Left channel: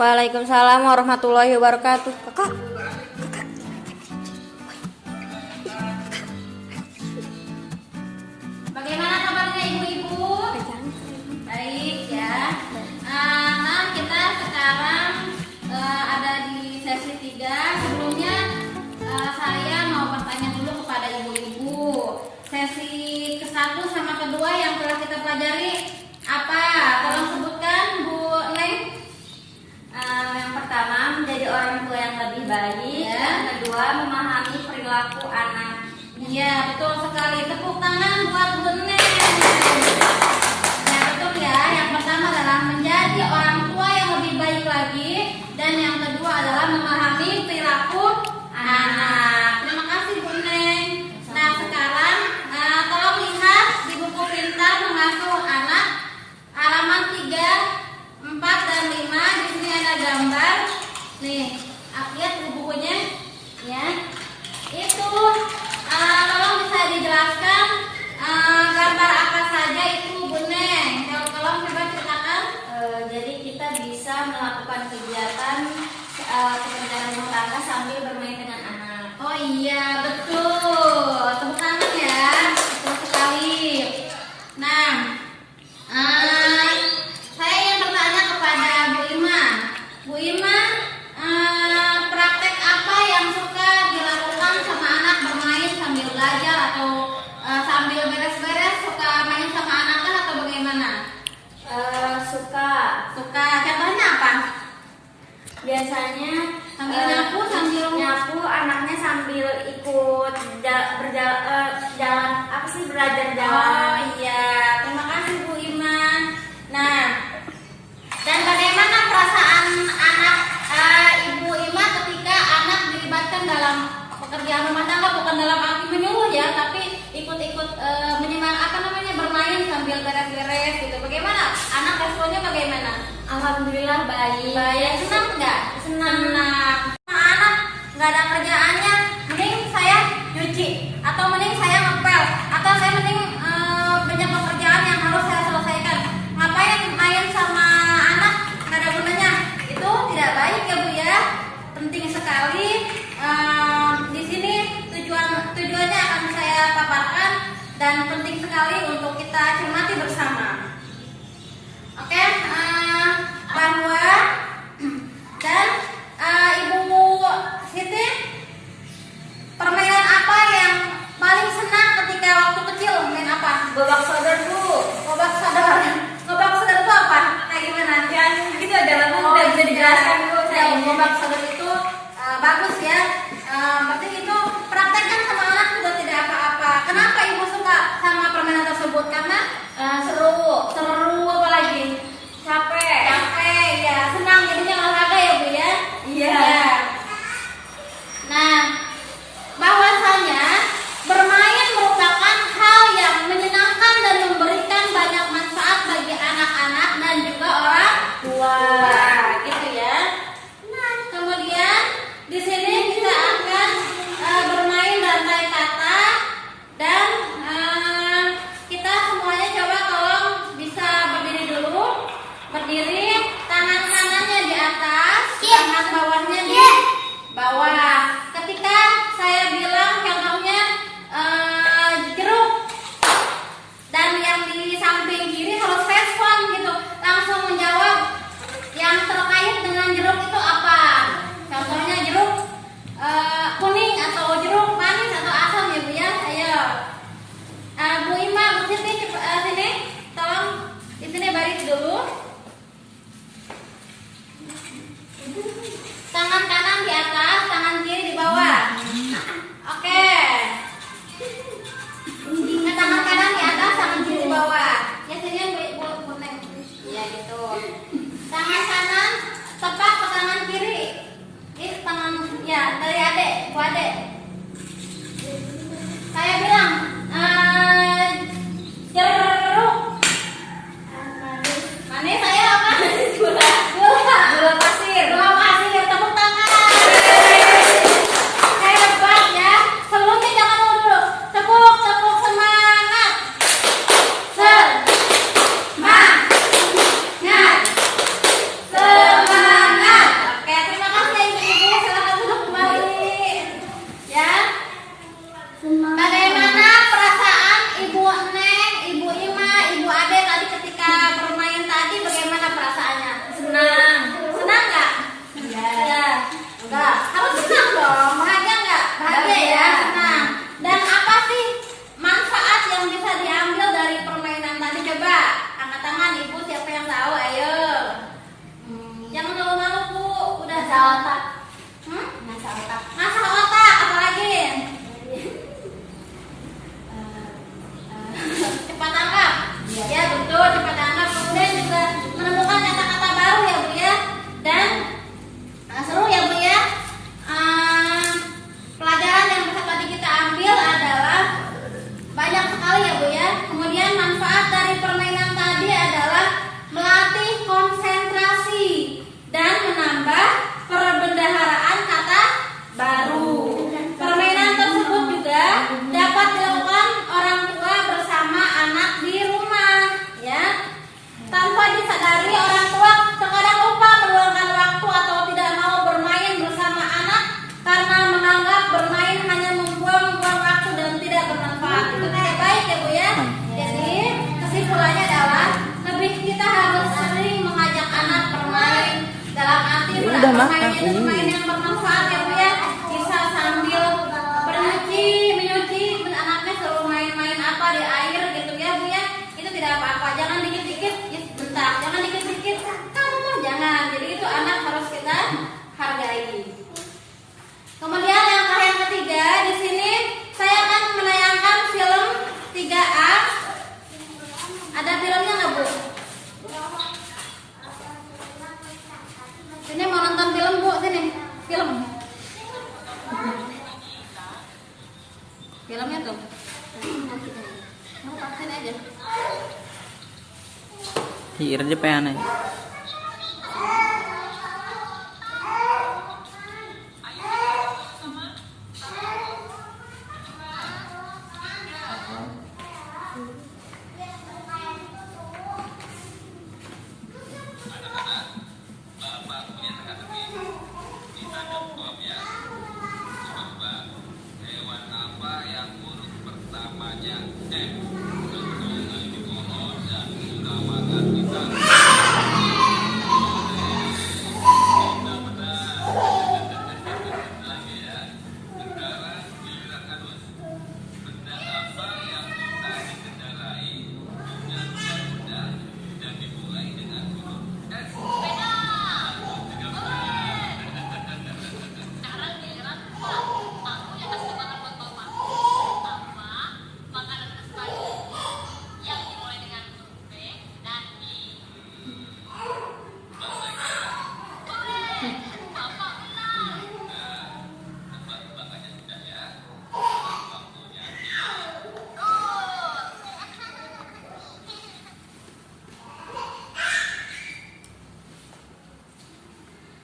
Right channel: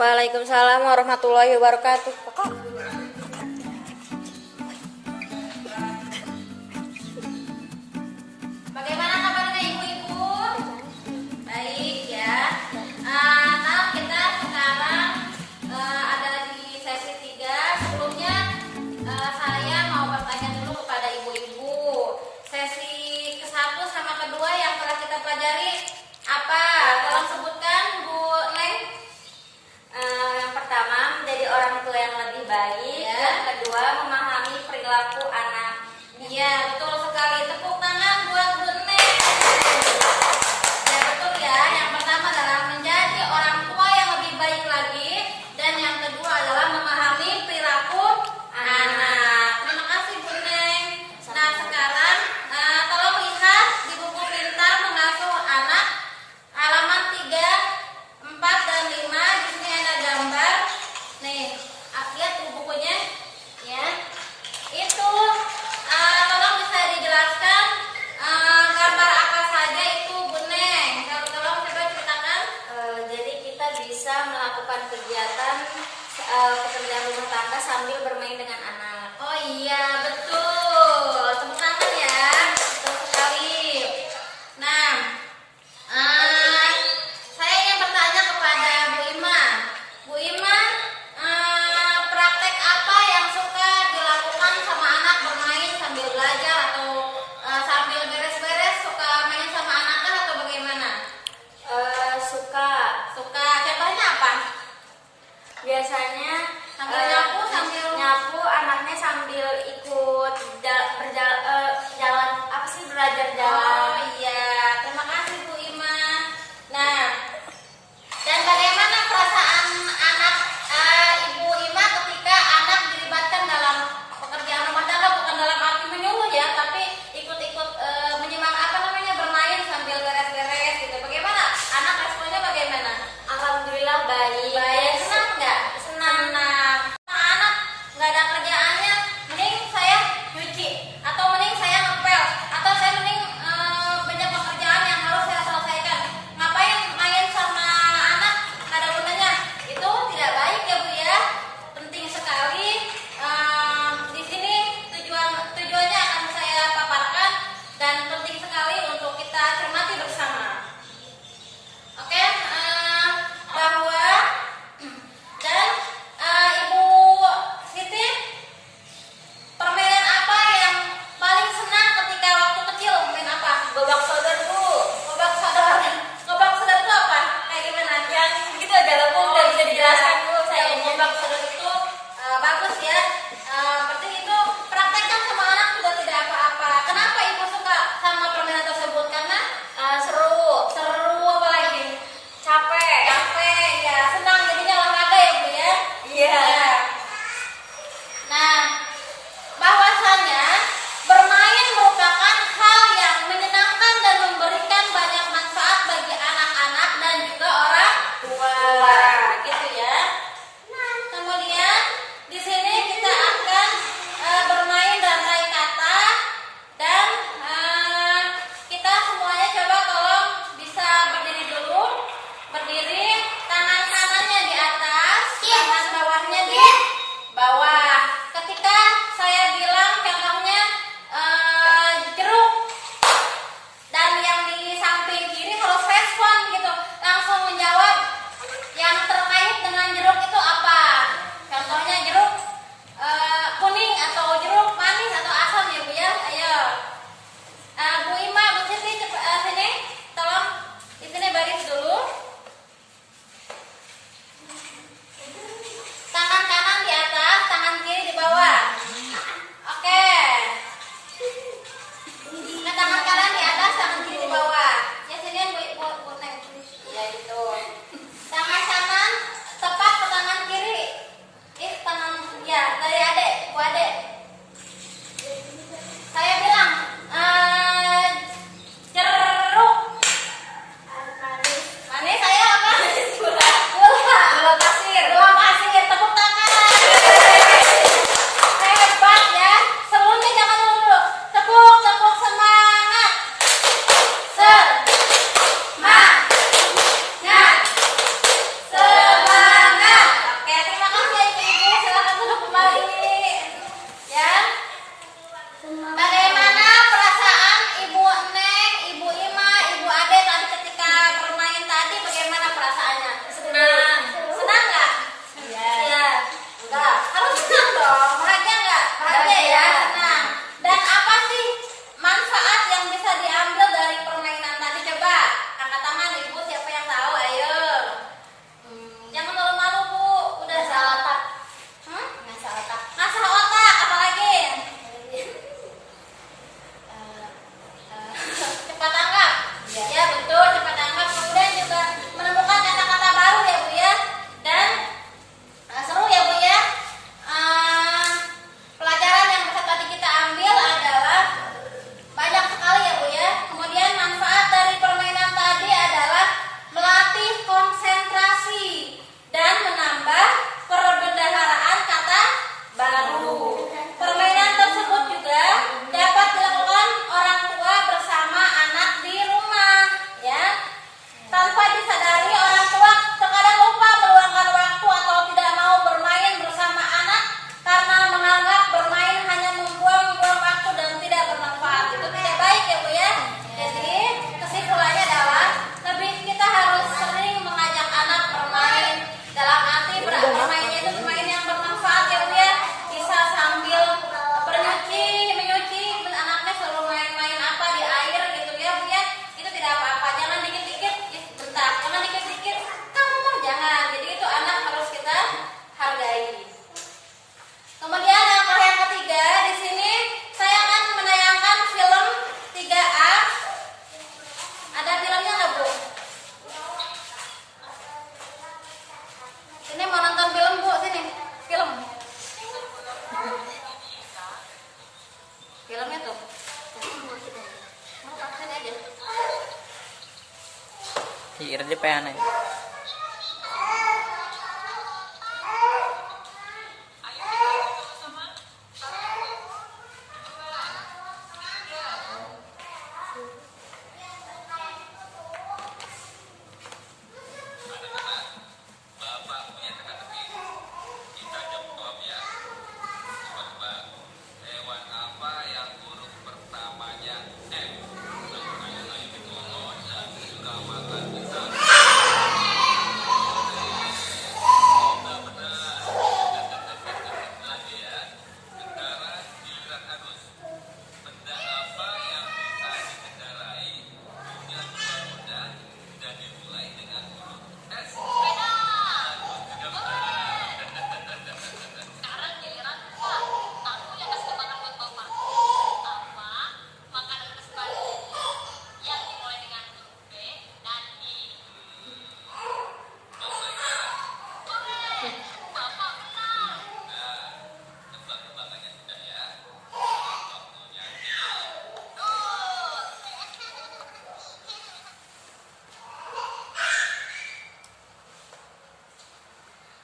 Waalaikumsalam warahmatullahi wabarakatuh. Kakak. Bagaimana kabarnya ibu-ibu? Baik ya. Nah, kita sekarang ada di sesi 3. Sebelumnya saya mau bertanya dulu kepada ibu-ibu. Sesi ke-1 sama kedua yang telah kita pelajari apa? Tolong sebutkan Bu Neng. Yang pertama, menjadi orang tua yang lebih baik. Ya. Yang kedua, memahami perilaku anak. Iya, betul sekali. Tepuk tangan buat Bu Neng. Ya, betul ya. Yang pertama adalah menjadi orang tua yang lebih baik lagi, dan yang kedua adalah memahami perilaku anak. Terima kasih Bu Neng. Nah, sekarang tolong lihat di buku pintar mengasuh anak halaman 3, 4 dan 5. Di sini ada gambar. Nih, lihat bukunya ya. Itu tolong bisa dijelaskan gambar apa saja itu Bu Neng. Tolong coba ceritakan. Jadi kita bisa melakukan kegiatan pekerjaan rumah tangga sambil bermain dengan anak. Oh iya, betul. Tepuk tangan ya. Betul sekali. Nah, saya ingin bertanya kepada Bu Iman. Bu Iman, praktek apa yang suka dilakukan sama anak bermain sambil belajar atau sambil beres-beres? Suka main sama anak kan atau bagaimana? Suka. Suka. Contohnya apa? Biasanya Sambil nyapu, sambil nyapu, anaknya sambil ikut jalan apa sih, belajar Oh jalan. iya, terima kasih Bu Iman. Nah, dan bagaimana perasaan anak Ibu Iman ketika anak dilibatkan dalam pekerjaan rumah tangga, bukan dalam arti menyuruh ya, tapi ikut-ikut bermain sambil beres-beres gitu. Bagaimana? Anak responnya bagaimana? Alhamdulillah baik. Baik, senang nggak? Senang. Anak nggak ada kerjaannya, mending saya nyuci, atau mending saya ngepel, atau saya mending banyak pekerjaan yang harus saya selesaikan. Ngapain main sama anak? Nggak ada gunanya. Itu tidak baik ya Bu ya. Penting sekali. Di sini tujuannya akan saya paparkan, dan penting sekali untuk kita cermati bersama. Oke, bahwa dan Ibu Siti, permainan apa yang paling senang ketika waktu kecil? Main apa? Gobak sodor Bu. Gobak sodor. Gobak sodor itu apa? Kayak gimana? Yang gitu ada lagu udah bisa dijelaskan dulu saya. saya. Gobak sodor itu bagus ya. Berarti itu praktekkan sama anak juga tidak apa-apa. Kenapa Ibu suka sama permainan tersebut? Karena Seru. apalagi Capek. ya, senang jadinya olahraga ya Bu ya. Iya. Ya. Nah, bahwasanya bermain merupakan hal yang menyenangkan dan memberikan banyak manfaat bagi anak-anak dan juga orang tua, gitu ya. Nah, kemudian Bagaimana perasaan Ibu Neng, Ibu Ima, Ibu Ade tadi ketika bermain tadi? Bagaimana perasaannya? Senang. Senang nggak? Iya. Enggak. Harus senang dong. Bahagia nggak? Bahagia ya, senang. Dan apa sih manfaat yang bisa diambil dari permainan tadi? Coba angkat tangan Ibu, siapa yang tahu? Ayo. Jangan malu-malu Bu. Udah Ngasah otak. Ngasah otak. Ngasah otak. Apa lagi? Cepat tanggap. Ya betul, cepat tanggap. Kemudian juga menentukan kata-kata baru ya Bu ya. Dan seru ya Bu ya. Pelajaran yang bisa tadi kita ambil adalah banyak sekali ya Bu ya. Kemudian manfaat dari permainan tadi adalah melatih konsentrasi dan menambah perbendaharaan kata baru. Permainan tersebut juga dapat dilakukan orang tua bersama anak di rumah, ya. Tanpa disadari orang tua terkadang lupa meluangkan waktu atau tidak mau bermain bersama anak karena menganggap bermain hanya membuang-buang waktu dan tidak bermanfaat. Itu tidak baik ya Bu ya. Jadi kesimpulannya adalah lebih kita harus sering mengajak anak bermain. Dalam arti bermain itu bermain yang bermanfaat ya Bu ya. Bisa sambil menyuci anaknya selalu main-main apa di air gitu ya Bu ya. Itu tidak apa-apa. Jangan dikit-dikit bentak, jangan dikit-dikit kamu mah jangan. Jadi itu anak harus kita hargai. Kemudian yang ketiga di sini saya akan menayangkan film 3A. Ada filmnya nggak Bu? Sini mau nonton film Bu, sini film. Filmnya tuh. Mau sini aja. Kira dia pengen aja.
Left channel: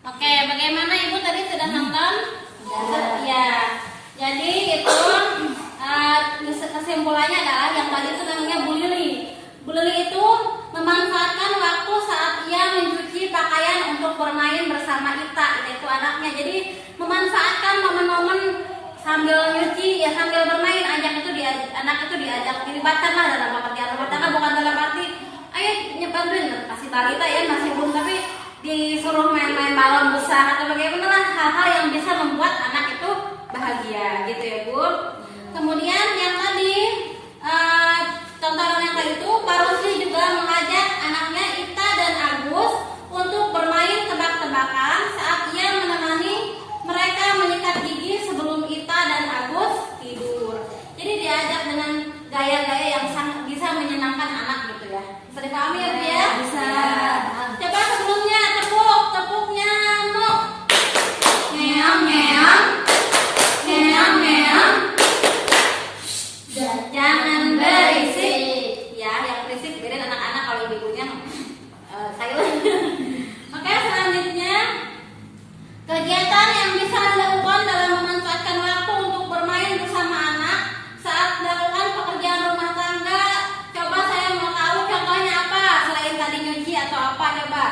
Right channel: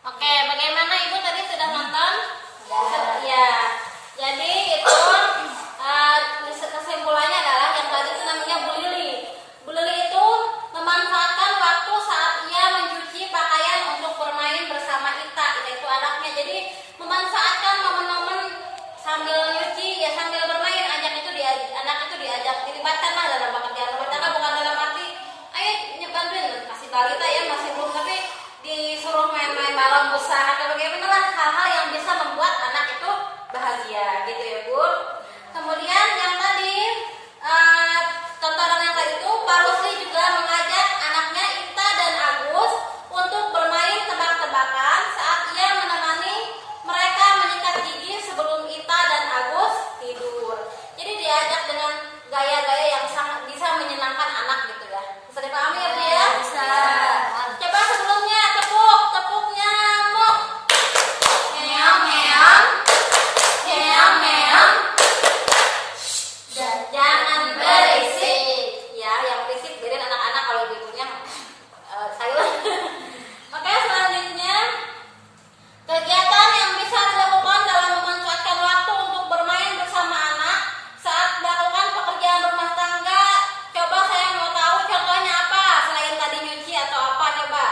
Oke, bagaimana Ibu tadi sudah nonton? Ya. Jadi itu kesimpulannya adalah yang tadi itu namanya Bu Lili. Bu Lili itu memanfaatkan waktu saat ia mencuci pakaian untuk bermain bersama Ita itu anaknya. Jadi memanfaatkan momen-momen sambil nyuci ya sambil bermain, anak itu diajak dilibatkanlah dalam pekerjaan rumah tangga, bukan dalam arti ayo nyebantuin kasih balita ya masih belum, tapi disuruh main-main balon besar atau bagaimana lah, hal-hal yang bisa membuat anak itu bahagia gitu ya Bu. Kemudian yang tadi tontonan yang tadi itu Pak Rusli juga mengajak anaknya Ita dan Agus untuk bermain tebak-tebakan saat ia menemani mereka menyikat gigi sebelum Ita dan Agus tidur. Jadi diajak dengan gaya-gaya yang sangat bisa menyenangkan anak gitu ya. Bisa dipahami ya Bu ya? Bisa. Coba sebelumnya tepuknya nyamuk. Ngeong ngeong. Ngeong ngeong. Jangan berisik. Ya, yang berisik biarin anak-anak, kalau ibunya silent. Oke, selanjutnya kegiatan yang bisa dilakukan dalam memanfaatkan waktu untuk bermain bersama anak saat melakukan pekerjaan rumah tangga. Coba saya mau tahu contohnya apa selain tadi nyuci atau apa coba.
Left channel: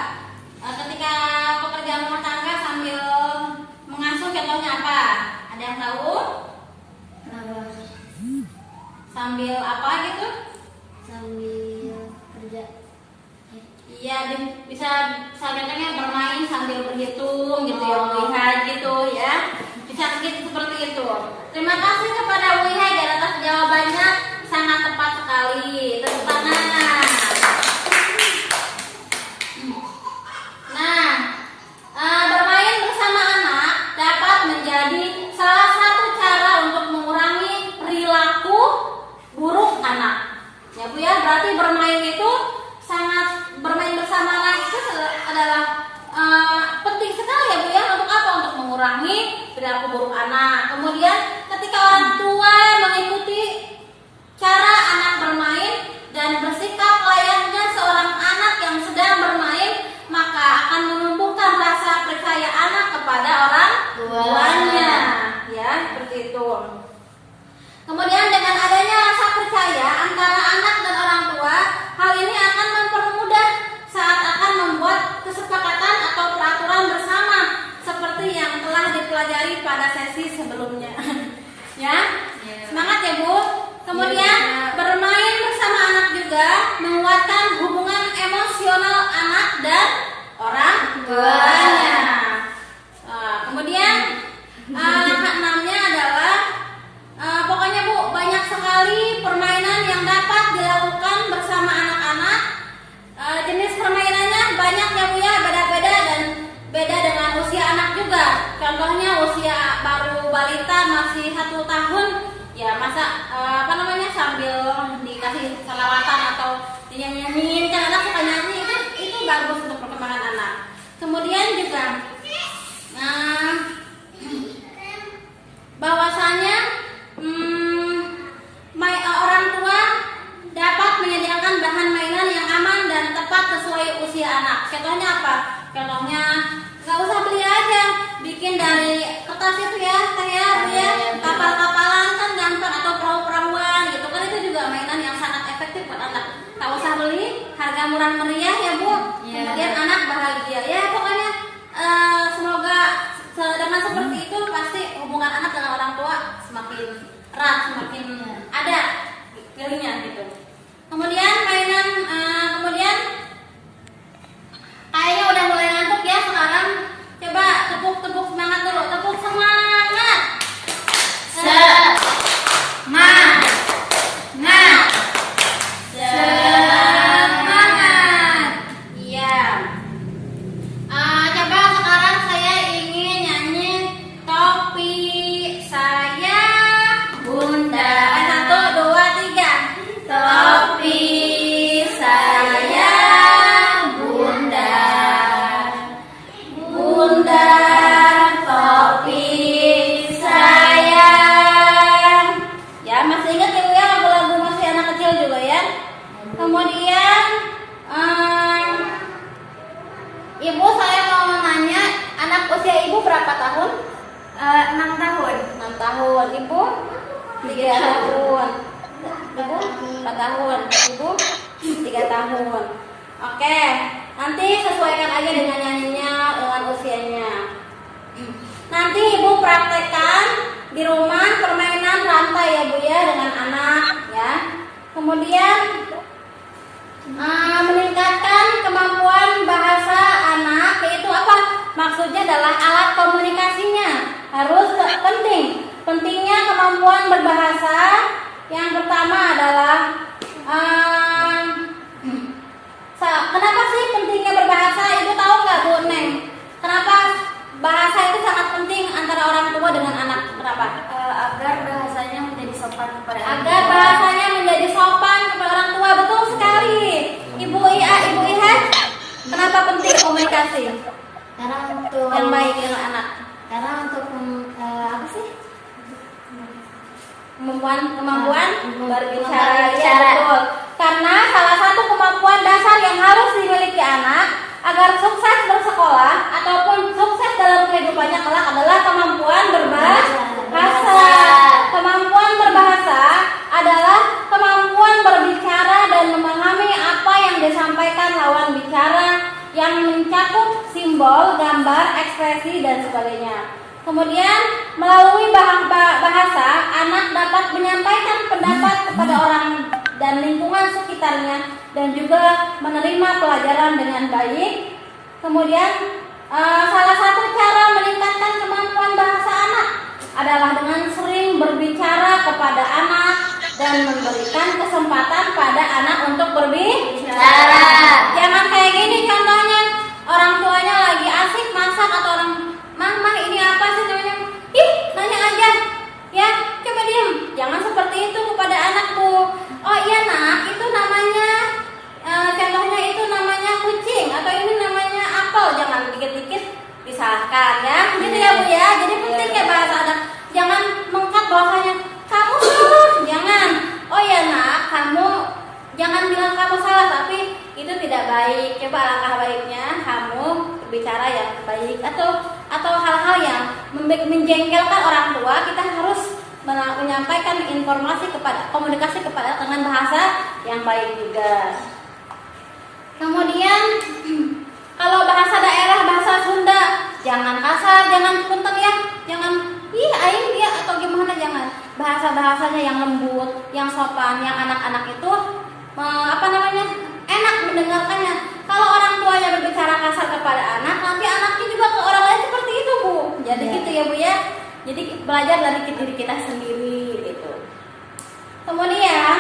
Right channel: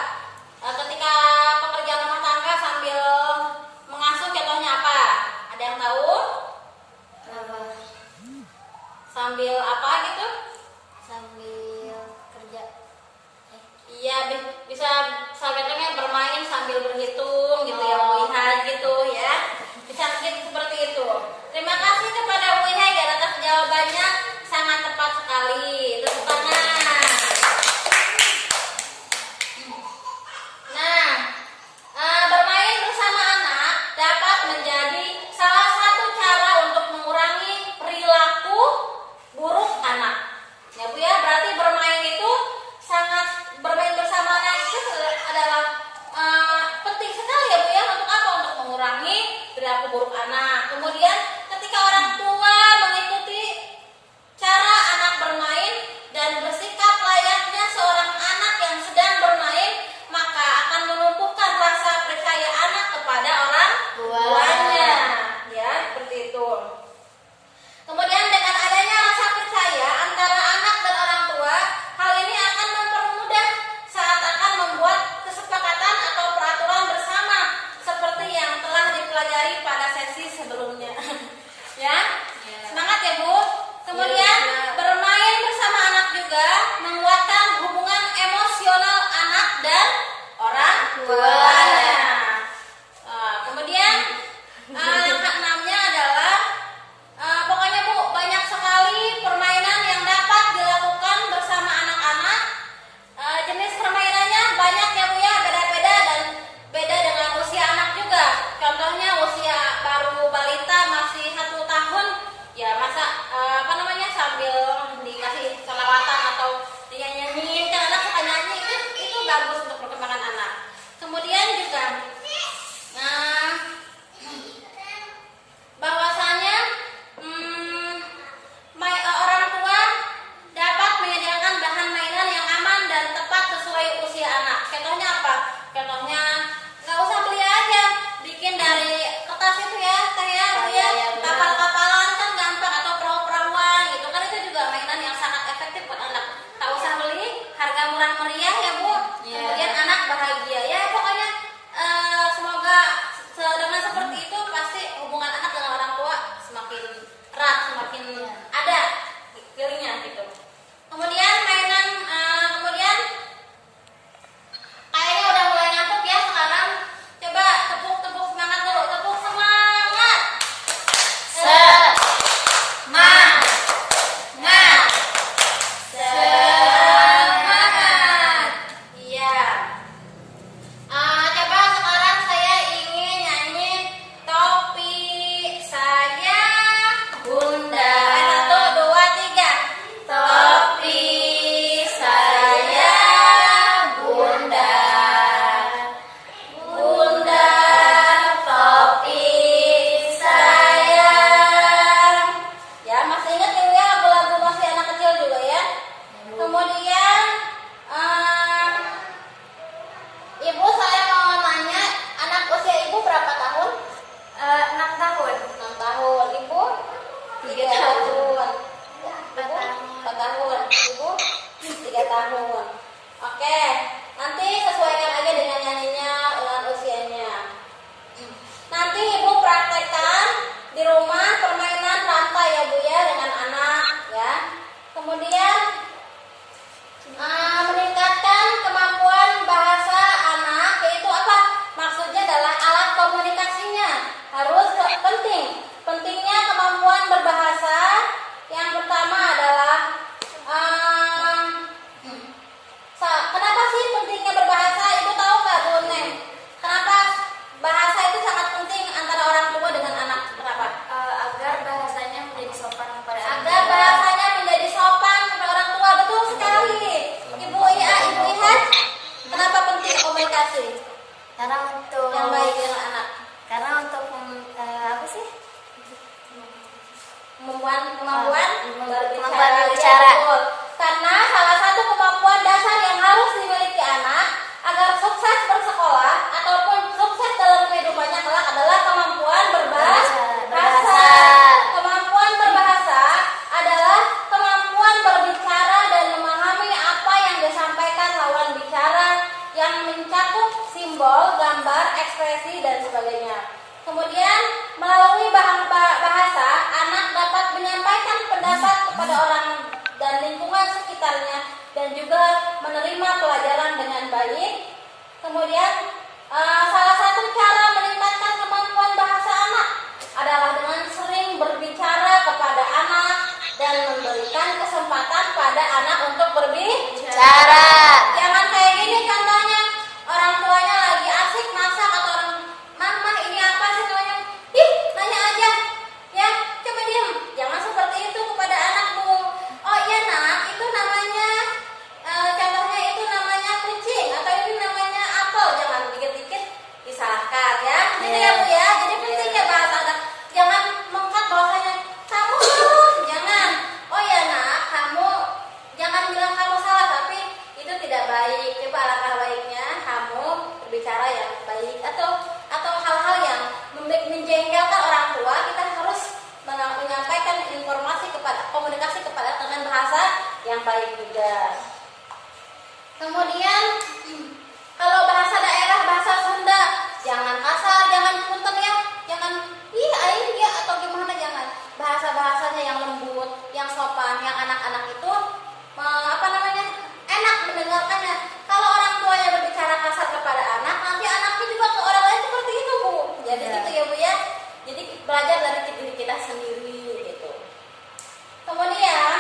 sambil apa gitu? Sambil kerja. Iya, bisa contohnya bermain sambil berhitung gitu ya, Wihai gitu ya. Bisa gitu seperti itu. Terima kasih kepada Wihai di atas jawabannya, sangat tepat sekali. Tepuk tangan. Nah, bermain bersama anak dapat menjadi salah satu cara untuk mengurangi perilaku buruk anak. Ya Bu ya, berarti bermain itu bermain bersama anak itu adalah penting sekali ya Bu ya. Untuk apa? Untuk mengurangi perilaku buruk anak. Kemudian ketika orang tua mengikuti cara anak bermain dan bersikap layaknya seorang anak yang sedang bermain, maka akan menumbuhkan rasa percaya anak kepada orang tuanya. Ya, seperti itu. Kemudian dengan adanya rasa percaya antara anak dan orang tua, hal ini akan mempermudah saat akan membuat kesepakatan atau peraturan bersama seperti yang telah dipelajari pada sesi sebelumnya. Ya, semangat ya Bu. Kemudian bermain bersama anak juga menguatkan hubungan emosional anak dan orang tuanya. Kemudian langkah 6-nya adalah pokoknya Bu, banyak sekali permainan yang dapat dilakukan bersama anak-anak. Jenis permainannya banyak ya Bu ya, beda-beda dan beda dengan usia anak juga. Contohnya usia baru balita masih 1 tahun, ya masa sambil dikasih selawatan atau dinyanyiin, kan anak suka nyanyi, itu bagus untuk perkembangan anak. Kemudian juga bahwasanya orang tua dapat menyediakan bahan mainan yang aman dan tepat sesuai usia anak. Contohnya apa? Contohnya nggak usah beli aja, bikin dari kertas itu ya, kapal-kapalan kan gampang, atau perahu-perahuan gitu kan, itu juga mainan yang sangat efektif buat anak. Tak usah beli, harga murah meriah ya Bu. Kemudian anak bahagia ya, pokoknya semoga dengan seperti itu pasti hubungan anak dengan orang tua semakin erat, semakin ada feelingnya gitu. Kemudian kemudian kayaknya udah mulai ngantuk ya sekarang. Coba tepuk semangat dulu, tepuk semangat. Semangat. Iya. Coba sekarang saya ingin nyanyi topi saya Bunda. 1, 2, 3. Topi saya Bunda. Bunda, topi saya. Ya, masih ingat ya lagu-lagu masih anak kecil juga ya. Kemudian Ibu, saya mau nanya, anak usia Ibu berapa tahun? 6 tahun. 6 tahun. Ibu? 3 tahun. Ibu? 4 tahun. Ibu? 3 tahun. Oke, nanti sesuaikan aja dengan nyanyinya, dengan usianya. Nanti Ibu praktekkan di rumah permainan rantai ya Bu ya, dengan anak ya. Kemudian meningkatkan kemampuan bahasa anak, yaitu apa? Maksudnya adalah alat komunikasinya harus penting. Pentingnya kemampuan berbahasa. Yang pertama adalah kenapa sih pentingnya berbahasa? Ibu tahu nggak Bu Neng? Kenapa bahasa itu sangat penting antara orang tua dengan anak? Kenapa? Agar bahasanya menjadi sopan kepada anak. Agar bahasanya menjadi sopan kepada orang tua. Betul sekali. Ibu Ihan, kenapa penting komunikasi Karena untuk yang baik dengan anak? Karena untuk apa sih? Kemampuan berbicara. berbicara. Ya, betul. Karena salah satu kemampuan dasar yang harus dimiliki anak agar sukses bersekolah ataupun sukses dalam kehidupannya kelak adalah kemampuan berbahasa. Kemampuan berbahasa adalah kemampuan berbicara dan memahami apa yang disampaikan lawan bicara, yang mencakup simbol, gambar, ekspresi, dan sebagainya. Kemudian melalui bahasa, anak dapat menyampaikan pendapat kepada orang dan lingkungan sekitarnya, dan juga menerima pelajaran dengan baik. Kemudian salah satu cara meningkatkan kemampuan bahasa anak adalah dengan sering berbicara kepada anak dan memberikan kesempatan pada anak untuk berbicara. Jangan kayak gini contohnya, orang tuanya lagi asik masak atau orang, mama ini apa sih namanya? Ih, nanya aja. Ya, coba diam. Jangan seperti itu kepada anakku. Oh iya nak, itu namanya contohnya itu namanya kucing atau ini namanya apel. Jangan dikit-dikit disalahkan ya. Gitu ya Bu ya. Jadi penting ya bahasa anak. Jangan mengkat bahasanya kamu salah. Jangan. Oh ya nak, kamu jangan bilang kamu salah, tapi itu tidak baik. Coba alangkah baiknya kamu berbicara yang baik, atau hal-hal yang menjengkelkan orang tua, kita harus menyampaikan informasi komunikasi kepada dengan bahasa yang baik juga. Kemudian kalau bahasa daerah, bahasa Sunda, jangan kasar, jangan punten ya, jangan ih aing dia atau gimana, jangan. Bahasa-bahasanya yang lembut, yang sopan, yang anak-anak itu enak mendengarkannya. Kalau orang tuanya berbicara kasar kepada anak, nanti anaknya juga ke orang lain seperti itu Bu. Jadi gitu ya Bu ya. Jadi belajar dari diri kita sendiri gitu. Kemudian